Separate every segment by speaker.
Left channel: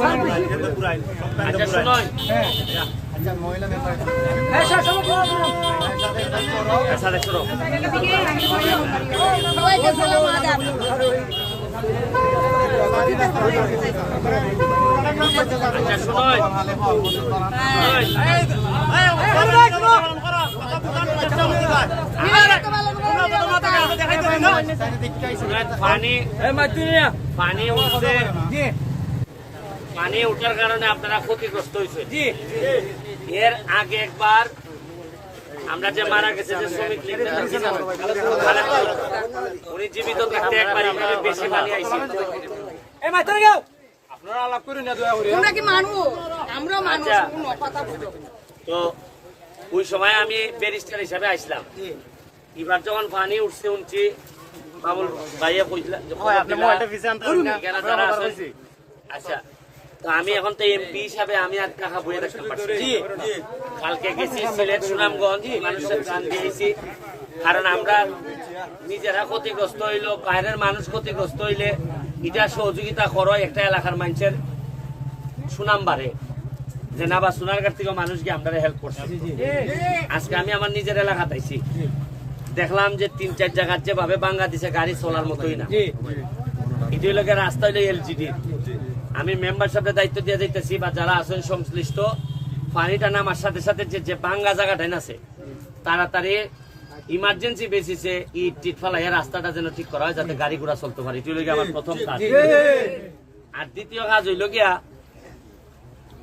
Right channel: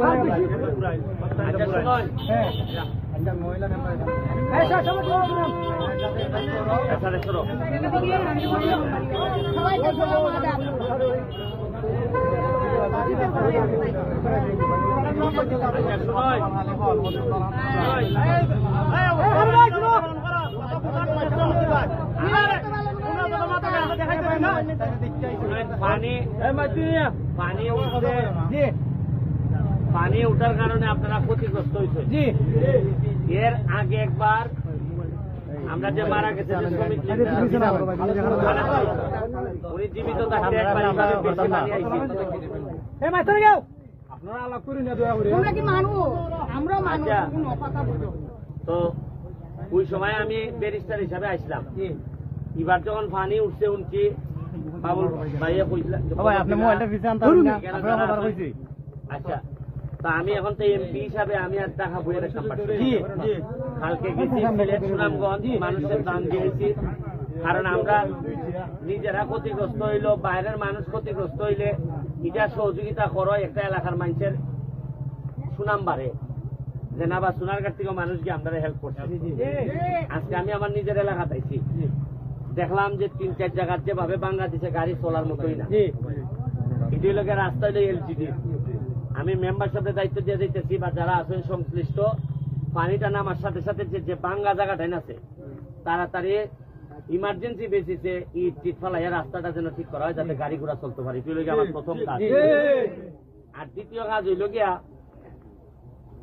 Speaker 1: আচ্ছা শুনুন
Speaker 2: আচ্ছা মহিলা মেম্বার
Speaker 3: সবাইকে সালাম আদাব।
Speaker 1: শুনুন পানি পানি উঠছে পানি উঠার কারণে আপনারা ক্ষতিগ্রস্ত হয়েছে এর আগে একবার আমরা যে মারা গেছে যে শ্রমিক উনি জীবিত থাকতে একবার এইভাবে বেশি পানি আইছে।
Speaker 4: আপনারা আলাপ করি না দয়া করে।
Speaker 3: কি মানুষ? আমরা মানুষ
Speaker 1: আচ্ছা।
Speaker 3: কথা বুঝো
Speaker 1: তো ওই সময় আমি ব্যারিস্টার হিসাবে আসলাম। এবার যখন পানি উঠছে উঠছি বাবুল ভাইয়া কইছিলাম আচ্ছা তো আমি এখন তো এমপি হিসাবে আমি আর টাকা বইয়ে রাখতে পারছি কালকে গেছি সিলেট সুনামগঞ্জ মানুষের প্রাণ দিয়েছি। কারণ আমরা নিজেরা ক্ষতিগ্রস্ত হইল বাইরের মানুষ ক্ষতিগ্রস্ত হইলে এটা সহযোগিতা করো একটা এলাকার মানুষের সুনাম বাড়ে। যে না বা সোনারঘাট থেকে মানুষ গিয়ে আমরা হেল্প করছে। আজকে আমি আমার নিজের এলাকা তাইছি দেখলাম যে তিন চার জায়গার যেভাবে বাংলাদেশে গাড়ি চলার মতোই না। এটি হলো রাস্তা হইল এলজিডি আমি মেম্বার সাহেবের দায়িত্ব দিয়ে যাইতেছি বা যারা আছেন সংশ্লিষ্ট পানিটা নামার সাথে সাথে যে যে ভাঙ্গা জায়গাটা আছে তাড়াতাড়ি ইমার্জেন্সি বেসিসে ইট টিট ফালাই রাস্তাটা যেন ঠিক করা হয় যাতে গাড়ি ঘোড়া চলতে পারে। এটি আমার প্রথম কাজ। আর দ্বিতীয় কাজ হইল গিয়া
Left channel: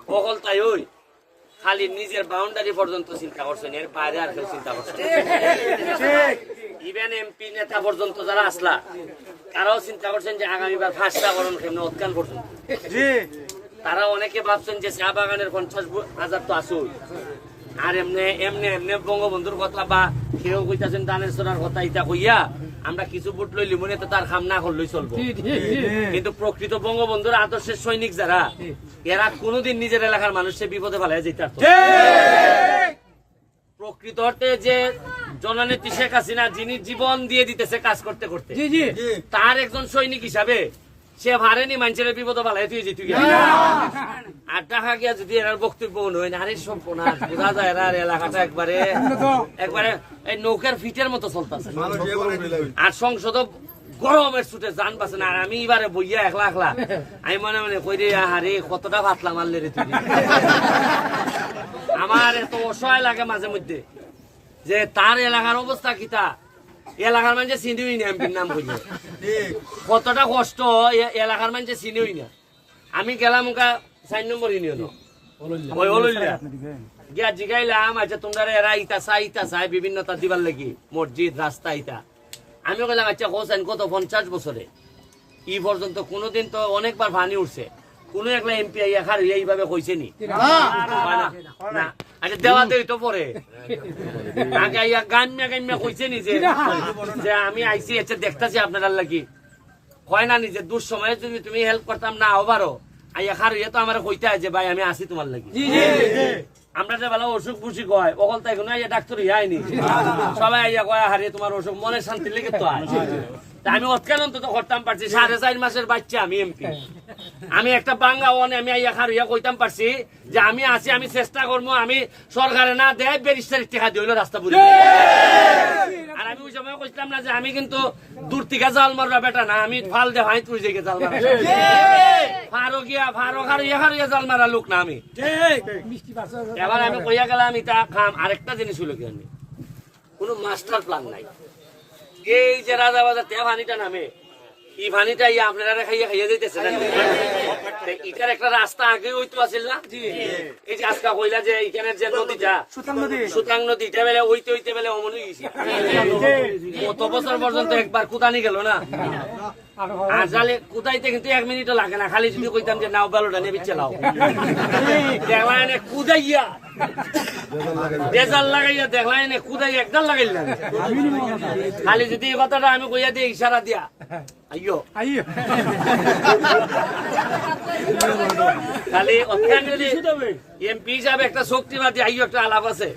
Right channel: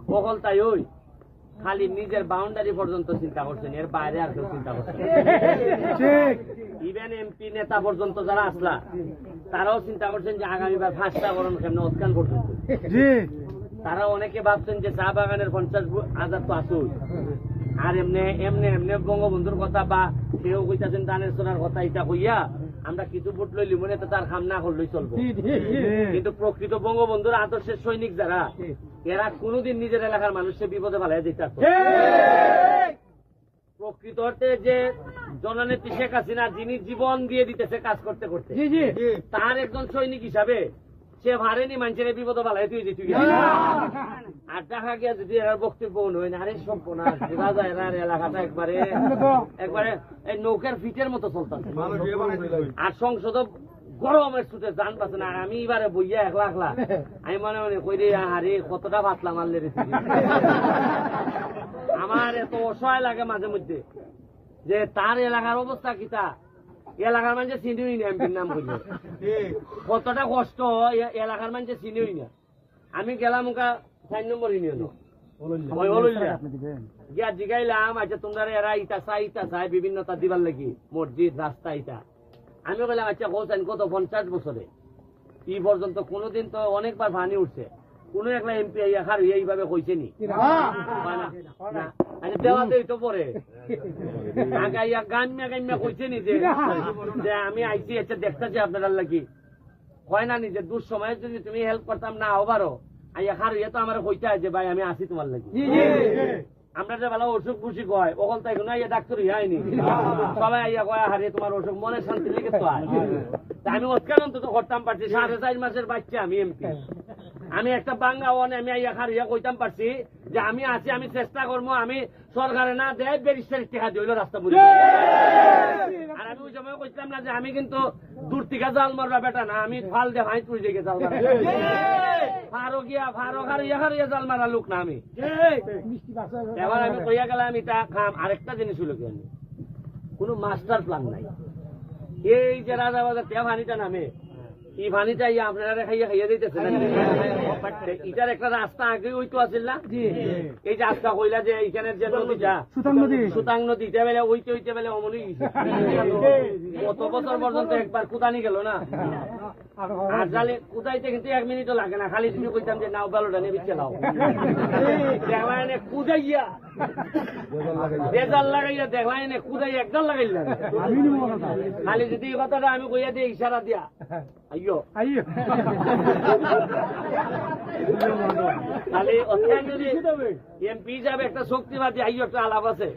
Speaker 1: বহল তাই ওই খালি নিজের বাউন্ডারি পর্যন্ত চিন্তা করছেন এর বাইরে আর কেউ চিন্তা করছেন ইভেন এমপি নেতা পর্যন্ত যারা আসলা তারাও চিন্তা করছেন যে আগামীবার ফাঁসটা করুন কেমন উৎকান পর্যন্ত তারা অনেকে ভাবছেন যে চা বাগানের পঞ্চাশ হাজার তো আসুই আর এমনি এমনি এমনি বঙ্গবন্ধুর কথা বা কেউ কইতাছেন দানের সোনার কথা ইটা কইয়া আমরা কিছু ভোট লইলি মনে তো তার খাম না করলেই চলবো। কিন্তু প্রকৃত বঙ্গবন্ধুর আদর্শের সৈনিক যারা এরা কোনোদিন নিজের এলাকার মানুষের বিপদে ফেলাই যেতে প্রকৃত অর্থে যে জননেত্রী শেখ হাসিনা যিনি জীবন দিয়ে দিতেছে কাজ করতে করতে তার একজন সৈনিক হিসাবে সে ভারেনি মানুষের বিপদ ফেলাই তুই যেতে আর টাকা গিয়া যদি এরার বক্তব্য নয় আরে সব বোঝা যায় এরার এলাকাটা একবারে একবারে এই নৌকার ফিটের মতো চলতেছে। আর সংসদ গরমের ছুটে জান পাচ্ছে না আর আমি এবারে বইয়া একলা একলা আমি মনে মনে কই রে আরে কতটা ভাতলা মারলে রে তুই। আমার এত অসহায় লাগে মাঝে মধ্যে। যে তার এলাকার অবস্থা কিতা? এলাকার মানুষে চিনিই না এমপির নাম বুঝে কতটা কষ্ট এলাকার মানুষে চিনিই না। আমি গেলাম ওকা চার নম্বর ইউনিয়ন গিয়া জিগাইলাম আচ্ছা তোমরা এরা ইতা চাই ইতা চাই বিভিন্নতা দিবার লাগি। মসজিদ রাস্তা ইতা। আমি কইলাম আচ্ছা হোসেন কত পঞ্চাশ বছরে? ই পর্যন্ত কোনোদিন তো অনেকবার পানি উঠছে। কোনো একলা এমপি আইয়া খার এইভাবে কইছে নি না। আচ্ছা দেওয়াতে তো পরে। আগে আইয়া গান্যা গান্যা কইছে নি যে আমি আইছি আচ্ছা দেখতাছি আপনার লাগি। হয় না নি যে দুঃসময়ে যদি তুমি হেল্প করতাম না পারো আইয়া ইয়ে তো আমার কইতে আছে ভাই আমি আসি তোমার লাগি। আমরা যে বেলা অসুখ বুসি কয় অকল তাই কোনো ডাক্তার ইয়ে আইনি। সবাই আইয়া কয় হারে তোমার অসুখ মনে শান্তি লেগে। তা আমি অৎকান অন্তত করতাম পারছি। সাড়ে চার মাসের বাচ্চা আমি এমপি। আমি একটা বাঙ্গা ওয়ান আমি আইয়া খার ইয়া কইতাম পারছি যে আমি আছি আমি চেষ্টা করব আমি সরকারে না দেয় ব্যারিস্টার টাকা দিল রাস্তা বুঝে আর আমি ওই সময় কইছিলাম না যে আমি কিন্তু দূর থেকে জাল মারবা বেটা না আমি ফাল দে হাই তুই জায়গায় জাল মারা ফারো গিয়া ফারো খার ইয়া খার ইয়া জাল মারা লোক না আমি। এবার আমি কইয়া গেলাম এটা খাম। আরেকটা জিনিস হলো কি আমি কোনো মাস্টার প্ল্যান নাই। এই যে রাজা বাজার তে ভানিটা নামে। এই ভানিটা ইয়া আপনারা খাইয়া খাইয়ে যাইতেছে এটার একটা রাস্তা আগে ওই তো আছিল না? এই যে আজকা কইলা যে এখানে যে নদীটা সুতাং নদী। সুতাং নদী এটা বেলে ওইতে ওইতে বেলে অমনি গেছে। কত বছর পর্যন্ত একবার কুদানি গেল না? কুদাইতে কিন্তু এক মিনিটও লাগে না। খালি যদি কইতাম যে নাও বেলোটা কুদাইয়া। বেজাল লাগাইয়া একদাল খালি যদি এই কথাটা আমি কইয়া দিই ইশারা দিয়া। আইয়ো। খালি যদি এমপি হিসাবে একটা শক্তিবাদী আইয়ো একটা আলাপ আছে।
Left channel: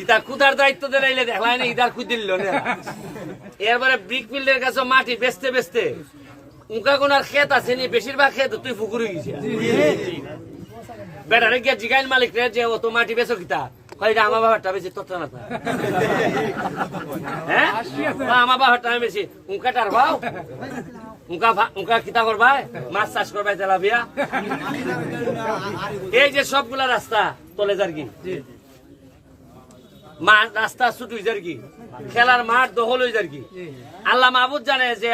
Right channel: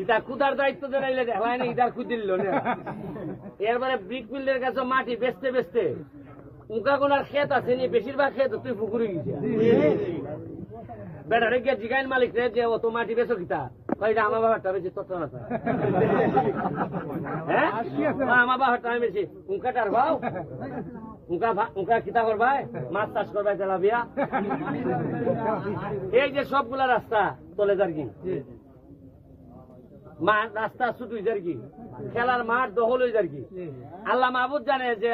Speaker 1: ইটা কুদার দায়িত্ব দিলাইলে দেখলাই না ইটার কুদিল না। এরপরে ব্রিক ফিল্ডের কাছে মাটি বেচতে বেচতে উনকা কোনার ক্ষেত আছে নি, বেশিরভাগ ক্ষেত তুই ফুকুরে গেছে বেটারে গিয়ে জিগাইল মালিক রে যে, ও তো মাটি বেচো কিতা? রে আমার বাবারটা বেশি তত না হ্যাঁ? আমার বাবারটা আমি বেশি। করবাই? মাছ করবাই এই যে সবগুলা রাস্তা, তলে যার কি? মাঠ রাস্তা ছুট হয়ে যার কি। খেলার মাঠ দখল হয়েছে আর কি। আল্লাহ মাহবুদ জানে যে,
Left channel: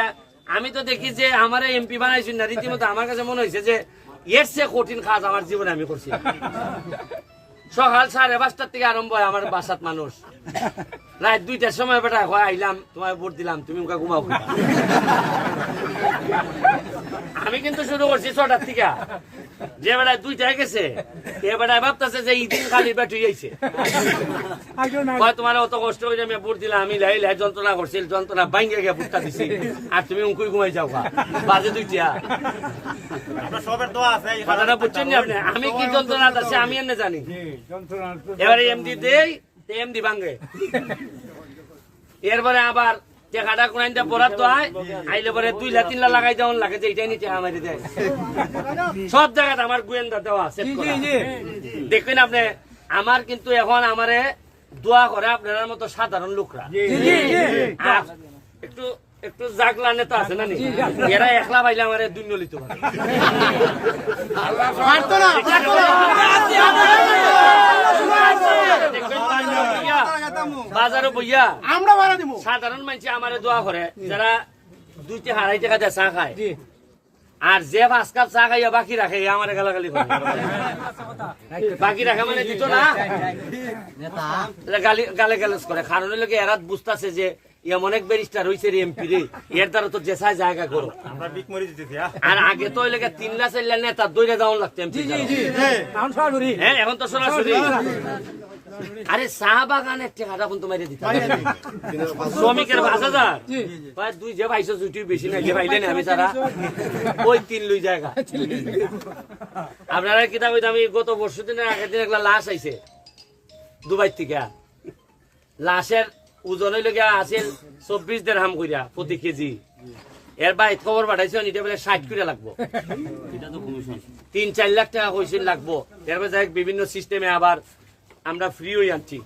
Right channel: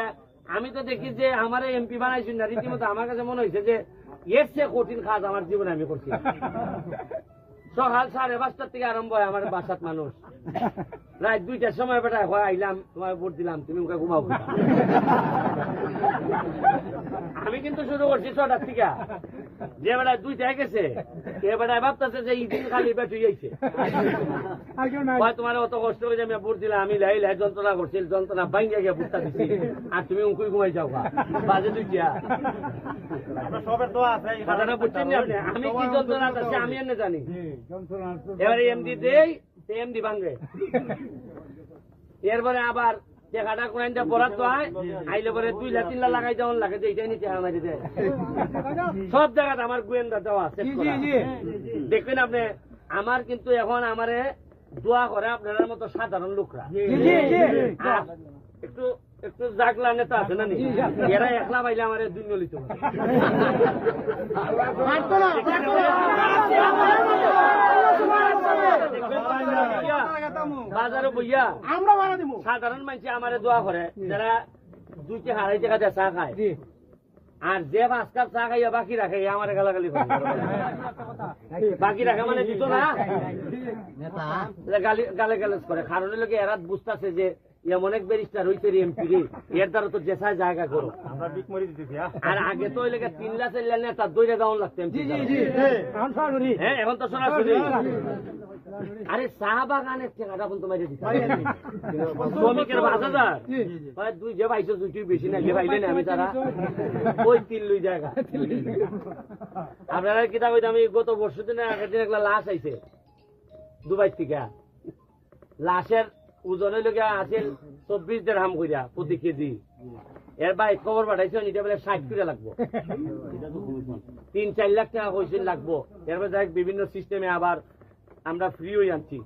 Speaker 1: আমি তো দেখি যে আমার এমপি বানাইছি না, রীতিমতো আমার কাছে মনে হয়েছে যে, এর চেয়ে কঠিন কাজ আমার জীবনে আমি করছি। সকাল সাড়ে পাঁচটার থেকে আরম্ভ হয় আমার বাসাত মানুষ। রাত দুইটার সময় বেটা হয় আইলাম তোমায় ভোট দিলাম তুমি ওকে ঘুমাবো আমি কিন্তু শুরু করছি ছটার থেকে। যে বেড়ায় দুইটায় গেছে এ বেড়ায় ভাবতেছে যে ইদিন খালি বেটুই আইছে তোমার অত কষ্ট করে আমি ভোট দিলাম আমি লাই লাই যন্ত্রণা করছিল যন্ত্রণা ভাঙ্গে গিয়ে ভোটটা দিছি। আর তুমি উঙ্কুই ঘুমাই যাও বাজে দুইটা।
Speaker 2: আমরা সবের দোয়া আছে এই
Speaker 1: কথাটা বুঝছেন নি আপনি? আমি কি যন্ত্রণা আছে আমি এনে জানি। এবারে এমডি দেই ভাঙ্গে এরপরে আবার টেকাটা কোনাইনটা বরাদ্দ আইলে পরে দুই লা তিন লা লাগাই দেওয়ান লাগে যে এটাই নিচে আমারি দেয়। সব জায়গাতে আমার গোয়েন্দা দেওয়া সেভ দেখবেন আপনি আমার কিন্তু এখন আমারে দোয়া করে আপনার মতো সাধারণ লোকরা। একটু একটু জাগলা নেতা আছে না নি? এরা একলা পাইলে আমার দুই নলিত বাজারও বইয়া।
Speaker 4: আমরা ভাড়া দিব
Speaker 1: সাধারণ মানুষ আমারে দোয়া করে যারা দুইটি আড়াই টাকা দিয়ে চা খায়। আর যে পাঁচ কাপ চা খাইয়া বাকি রাখে আমার গালাগালি করে। বাকি রাখে মানে দিত না? গালি গালে গালাজ করে। কারণ হলো কি এরাত বুঝতেছে যে এমন এক ব্যারিস্টার হয়েছে রে এমপি রে। এর দ্বারা তো জেসায় জায়গা করো
Speaker 2: আমরা বিক মরি দিতেছি হ্যাঁ।
Speaker 1: আর আগে তো লেগে তিন লাখ চার লাখ নেতা দৌড়ে যাওয়ান লাগতো এমপি
Speaker 4: এখন সরাসরি।
Speaker 1: হ্যাঁ এখন তো সরাসরি। আরে চা বাগানের টাকাটা এখন তোমার দিতে শ্রমিকের পাঁচ হাজার? দুই যে বেশি না যে পাইলে না আমি তারা। ওই তিন লুই জায়গা। আপনারা কিতা আমি গত বর্ষ দিনের আগের দিন একটা লাশ আইছে দুবাই থেকে। লাশের ওজন হইলে গিয়া আছিল চব্বিশ দেড় হাম কইরা প্রতি কেজি। এর বাইত খবর পাঠাইছে এটা বলে ষাট করে লাগবো। তিন চার লাখ টাকা লাগবো। বিভিন্ন সিস্টেমে আবার আমরা ফ্রি হয়ে আনছি।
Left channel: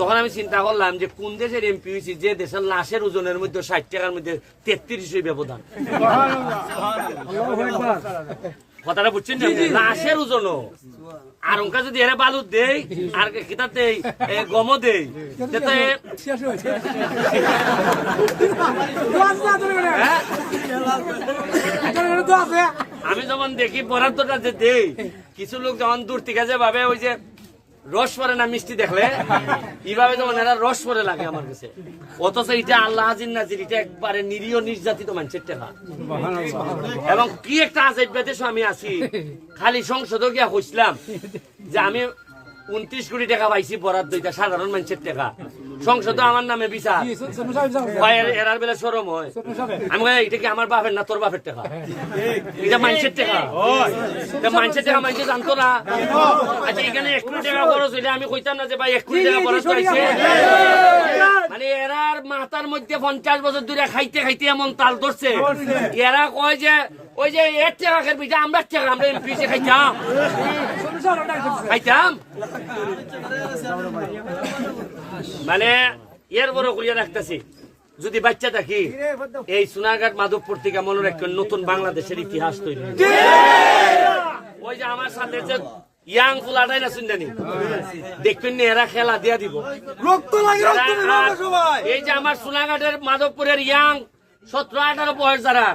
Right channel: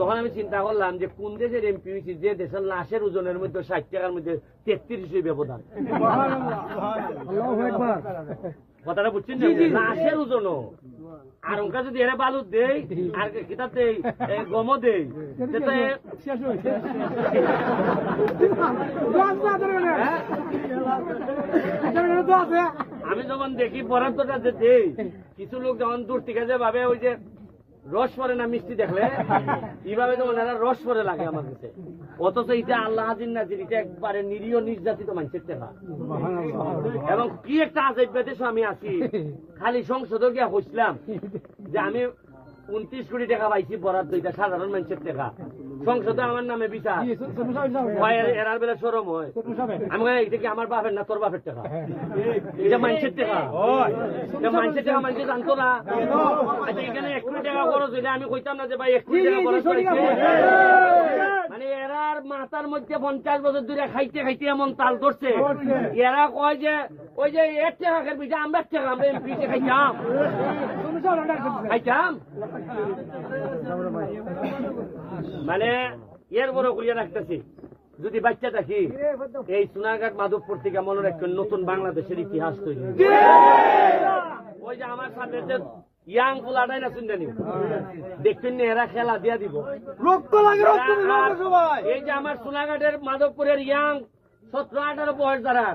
Speaker 1: তখন আমি চিন্তা করলাম যে কোন দেশের এমপি হয়েছি যে দেশের লাশের ওজনের মধ্যে ষাট টাকার মধ্যে তেত্রিশ ব্যবধান কথাটা বুঝছেন লাশের ওজনও। আর ওকে যদি এরা বালু দেই আর কিতাব দেই এ গম দেই? হ্যাঁ? আমি যখন দেখি বরাদ্দটা যে দেই কিছু লোক যখন দূর থেকে যে ভাবে ওই যে রস পরে না মিষ্টি দেখলে? এইভাবে যখন এরা রস পরে লাগে আমার কাছে। অথচ এটা আল্লাহ হাজির নাজির, এটা একবারে নিরীহ নির্যাতিত মানুষের টেলা এবং কি একটা আজেব বেদেশ আমি আছি, খালি সংসদে গিয়া হইছিলাম যে আমি উনত্রিশ কোটি টাকা পাইছি বরাদ্দ এটা সাধারণ মানুষের টাকা। সংসদে আমার নামে বিচার। এরার বেলা সরম হয়। আমি কই, এটা কি আমার বাপের না তোর বাপের টাকা? এটা মানুষের টাকা। মানুষের টাকা মানুষ জানতো না। আচ্ছা এখানে এক কোটি টাকা খরচ হইলে আমি কইতাম না যে ভাই এক কোটি টাকা খরচ হয়েছে। মানে এরার মাথার মধ্যে পঞ্চাশ বছর ধরে খাইতে খাইতে এমন তাল ধরছে। এরা কয় যে ওই যে এর টাকা খেলবি যে আমরা টাকা আমরা এমপি খাইতাম। খাইতাম? মানে এর বড় করিয়া রাখতেছি। যদি বাচ্চা থাকি এই সোনারঘাট মাধবপুর থেকে মনে রাখবেন নতুন বাংলাদেশের ইতিহাস তৈরি ওই যে আমার সাথে যে ইয়াং ফুলাটাই না শুনজানি দেখবেন এরা খেলা দিয়া দিব।
Speaker 4: রক্ত লাগে
Speaker 1: এই যে আমার সোনাঘাটের মাধবপুরের ইয়াং সতেরো আঠারো বয়স যারা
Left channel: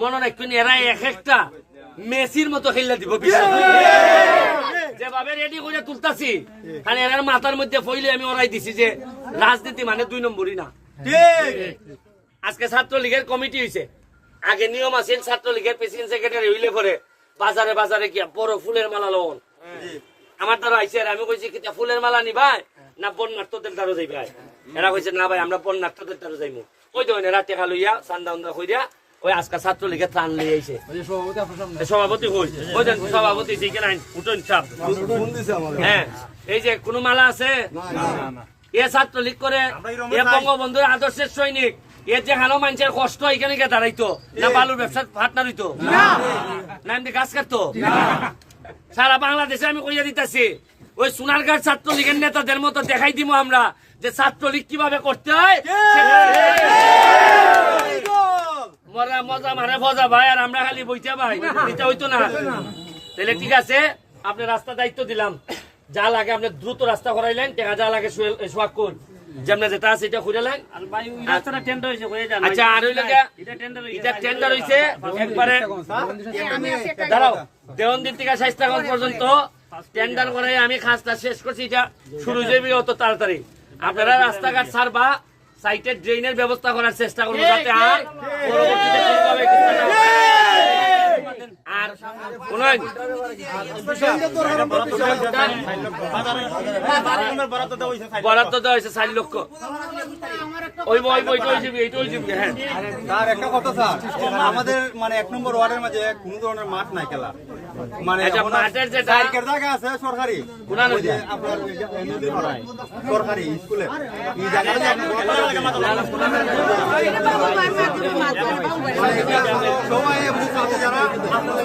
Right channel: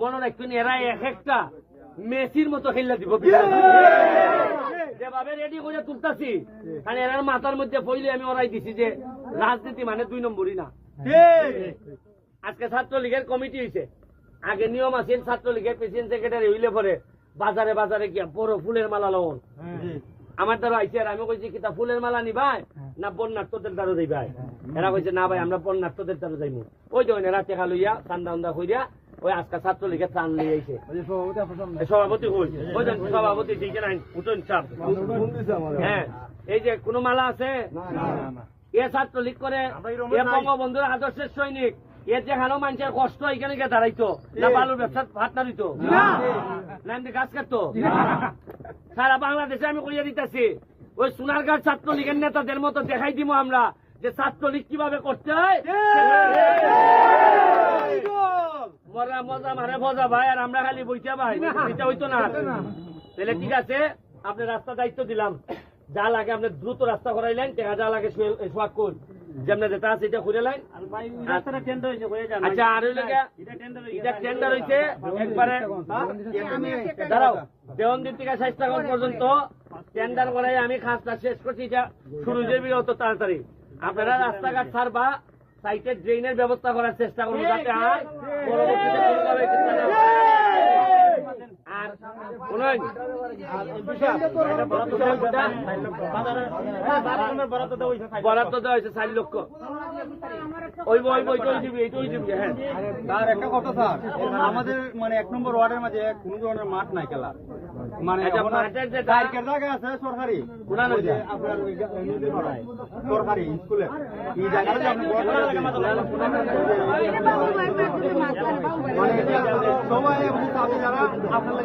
Speaker 1: মনে রাখবেন এরা এক একটা মেসির মতো খেলা দিব বিশাল। যেভাবে রেডি করে তুলতাছি কারণ এরার মাথার মধ্যে ফইলে আমি ওরাই দিছি যে রাজনীতি মানে দুই নম্বরই না। আজকে ছাত্রলীগের কমিটি হয়েছে আগে নিয়ম আছে ছাত্রলীগের প্রেসিডেন্ট সেক্রেটারি হইলে পরে বাজারে বাজারে গিয়া বড় ফুলের মালা লন আমার দ্বারা আইসে আর আমি কইছি কিতা ফুলের মালা নিবাই না বন্যার্থদের দ্বারা যাইবাই এরা কইছে না ভাই আমরা বন্যার্থদের দ্বারা যাইমু। ওই তো এরা টেকা লইয়া চান্দা উন্দা কইরা ওই আজকে ছাত্রলীগের ত্রাণ লই আইছে। এ সভাপতি হই। সভাপতি ঠিক উঠুন হ্যাঁ। এই যে কোনো মালা আছে? এ ছাত্রলীগ করে এ। বঙ্গবন্ধুর আদর্শের সৈনিক। এর যেখানেও মানুষের কষ্ট এখানে গিয়ে দাঁড়াইতো না বালুর ব্যবসার পার্টনার হইতো। না। এমনি গাছ কাটতো সারা বাংলাদেশে আমি কইয়া দিতেছি ওই সোনারগাঁর ছাত্রলীগের নেতাদের মতো দেখাই দিব আমরা যে ছাত্রলীগ কীভাবে করতে হয়। মজা মজা মারে ভজা ভাই আর আমরা খালি বইতে ভাই এটা হইতো না। তাহলে ঠিক আছে আপনি রাস্তা দায়িত্ব দিলাম। যা লাগে আপনি দ্রুত রাস্তা করাইলেন টাকা যা লাগে যেমন যেটা আছে এটা খুঁজলেন আচ্ছা আর এটা টেন্ডার হইছে একবারে দাঁড়াও দেওয়ন্দির থেকে স্বাস্থ্যগঞ্জ পর্যন্ত টেন্ডার করাই আমি কাজটা শেষ করছি এটা শুরু যাবি অত তাড়াতাড়ি। আপনারা রাস্তাঘাট সারবা সাইটের ড্রেনের ব্যবস্থা করার চেষ্টা করব যাতে আর পরবর্তীতে কোনোভাবে। আর
Speaker 2: বরাদ্দ দেওয়া হয়েছে চার লক্ষ।
Speaker 1: হ্যাঁ।
Speaker 5: স্যার একটা কথা আমাদের মানে এক নম্বর ওয়ার্ডের মাঝে কোনো ধরনের মাঠ নাই খেলা মানে
Speaker 1: আচ্ছা,
Speaker 5: জায়গা আছে সরকারি? আপনার সরকারি স্কুলে সবাই যারা আপনাদের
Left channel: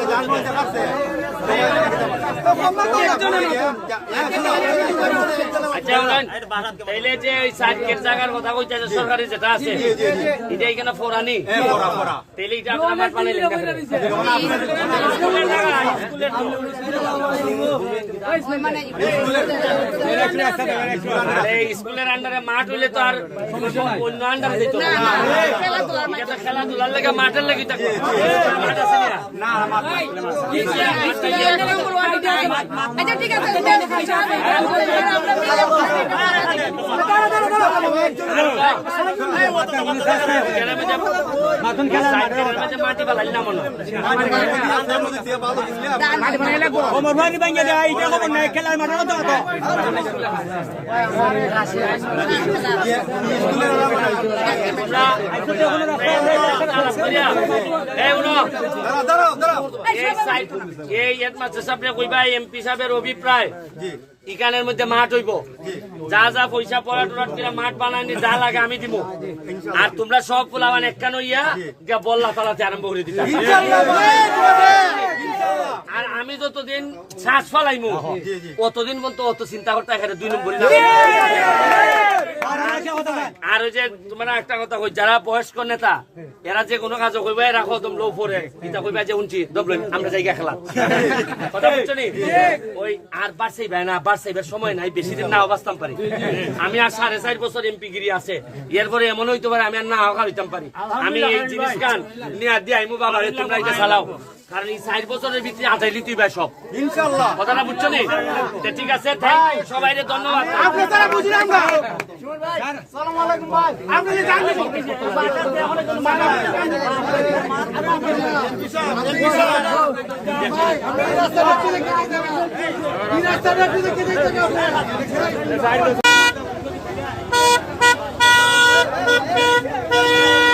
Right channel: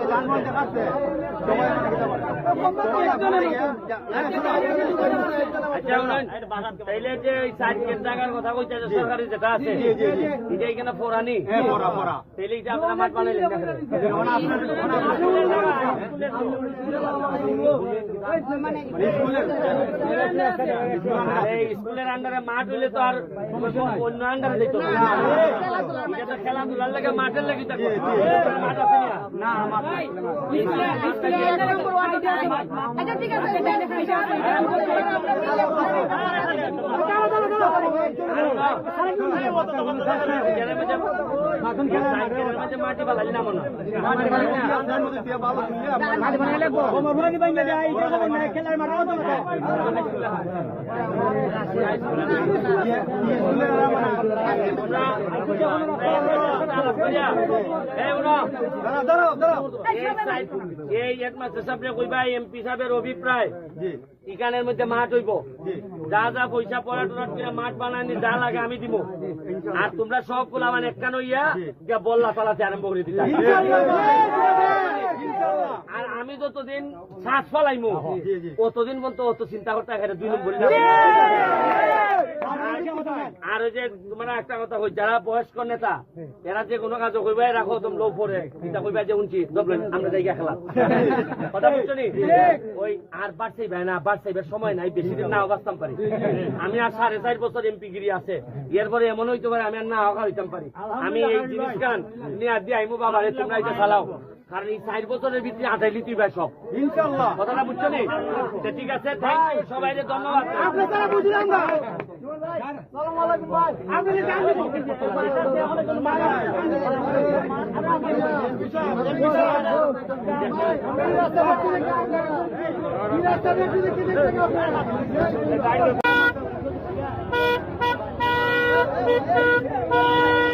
Speaker 1: সরকারি যেটা আছে এটা এখানে ফোরানি
Speaker 5: হ্যাঁ।
Speaker 1: এটা আপনারা মাঠ বানাইলেন?
Speaker 3: মানে
Speaker 1: স্কুলের আন্ডারে মাঠ হইলে তো আর অন্য আন্ডারে যেত
Speaker 3: খেলাধুলার
Speaker 1: লেগে মাঠের লেগে মাঠ আছে না।
Speaker 3: আচ্ছা ঠিক আছে
Speaker 1: মাটি বালাই না মনে হয়। এই হেডমাস্টার সাহেব কইবা এমপি অভিপ্রায় ইকানের মধ্যে মাঠ হইব যা যা পয়সা পড়া টড়াট করে মাঠ বানানি যা লাগে আমি দিব আর তোমরা সব ফুলাবান একখান হইয়া গিয়া বল্লা তালাতে আরম্ভ করে দিতা আর আমি যতদিন শ্বাস ফলাইমু অতদিন পর্যন্ত অত চিন্তা করতে এখানে দুই নম্বরই না আর যে তোমরা একটা কথা কই যারা বয়স্ক নেতা এরা যে কোনো কাজ কইবা রাখো তুমি লো পরে এটা কইবা যে উনছি দবলেন আমরা জায়গা খেলা। কথা বুঝছ নি? ওই আর বাড়ছেই ভাই না বাড়ছেইবার সময় নাই বেশি দিন না অবস্থান পারি। আমি আর সাড়ে চার বছর এমপি গিরি আছে। এরপরে এমন হইতে পারে আমি আর না হওয়া হইতাম পারি। আমি এই জিনিস গান নিয়ে দিয়ে আইমু বাবা তোমরা এটা চালাও। কারণ এই চার বছরের ভিতরে আদায় লিতুই ভাই সব।
Speaker 5: ইনশাল্লাহ
Speaker 1: কথাটা বুঝছ নি? ঠিক আছে থ্যাংক ইউ সবাই ধন্যবাদ।
Speaker 3: Thank you.